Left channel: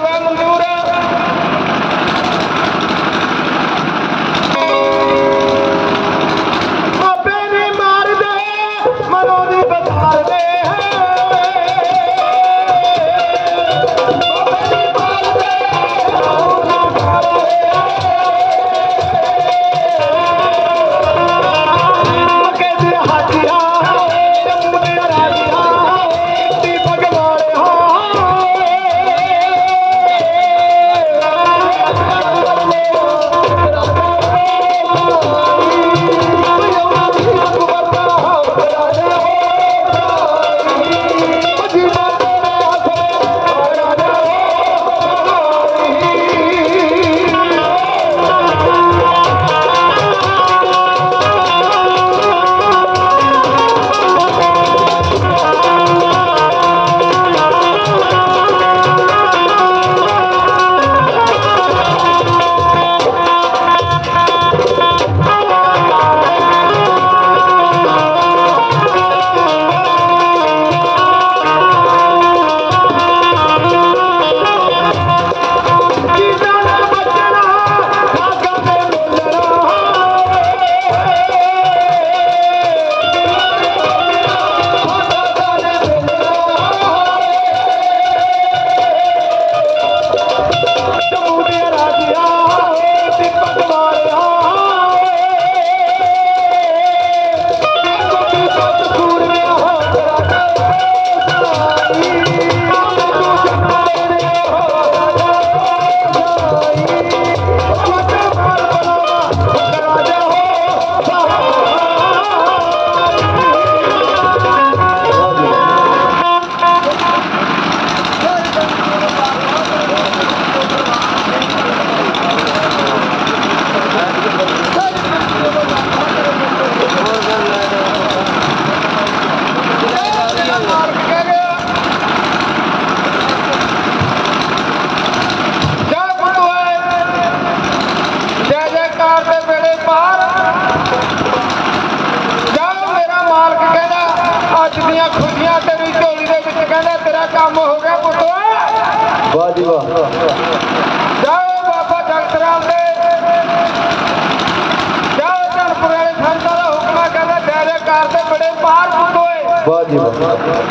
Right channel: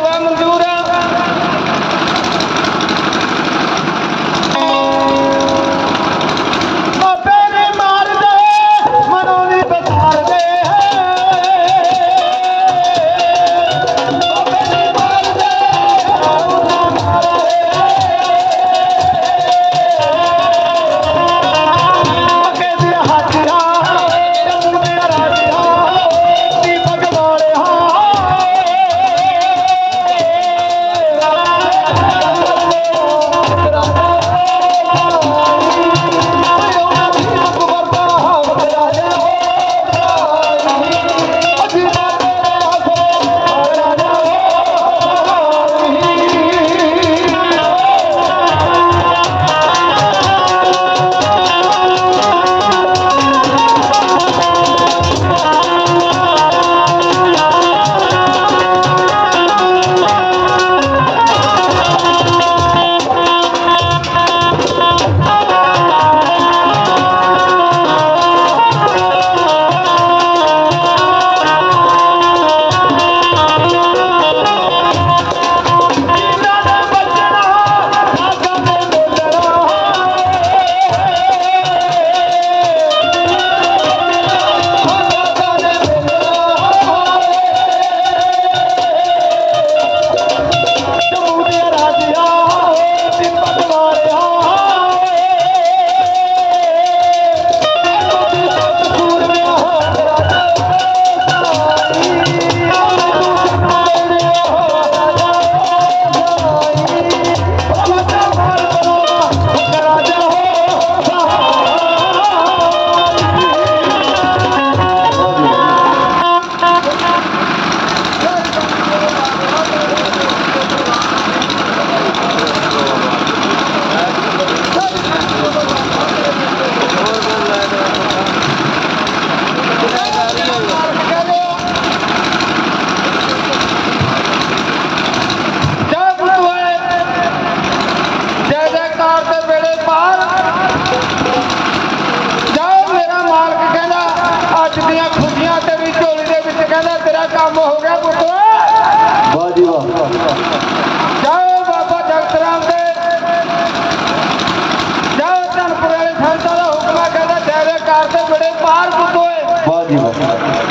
vamos, levamos Thank you.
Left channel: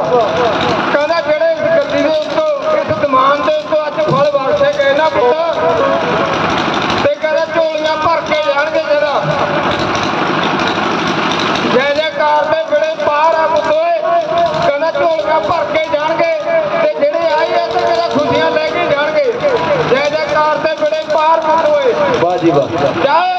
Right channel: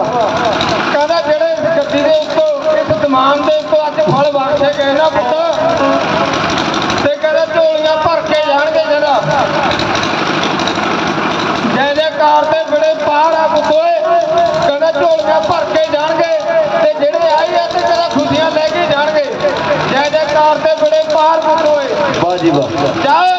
ਕਹਿੰਦਾ ਜਿਹੜੇ ਗੱਡੀ ਦੇ ਉੱਤੋਂ ਇਸ ਦੁਕਾਨ ਦੇ ਉੱਤੋਂ ਅੱਜ ਫਲ ਵਰਸੇ ਗਏ ਨਾ ਪੁੱਤ। ਤੇ ਕਹਿੰਦਾ ਝੋਲੀਆਂ ਭਰ ਕੇ ਜਾਣਗੇ ਜਰਾ ਜੈ ਜੈਕਾਰ ਤੇ ਜਿਹੜੇ ਪਾਰ ਆ ਪੁੱਤੋਏ ਕਹਿੰਦਾ ਝੋਲੀਆਂ ਭਰ ਕੇ ਜਾਣਗੇ। ਤੇ ਜਿਹੜੇ ਆਏ ਆ ਤੇ ਕਹਿੰਦਾ ਖੁਸ਼ੀਆਂ ਲੈ ਕੇ ਜਾਣਗੇ। ਜੈ ਜੈਕਾਰ ਤੇ ਬੜੇ ਪਾਰ ਪੁੱਤੋਏ ਵਾਹ ਜੀ ਵਾਹ।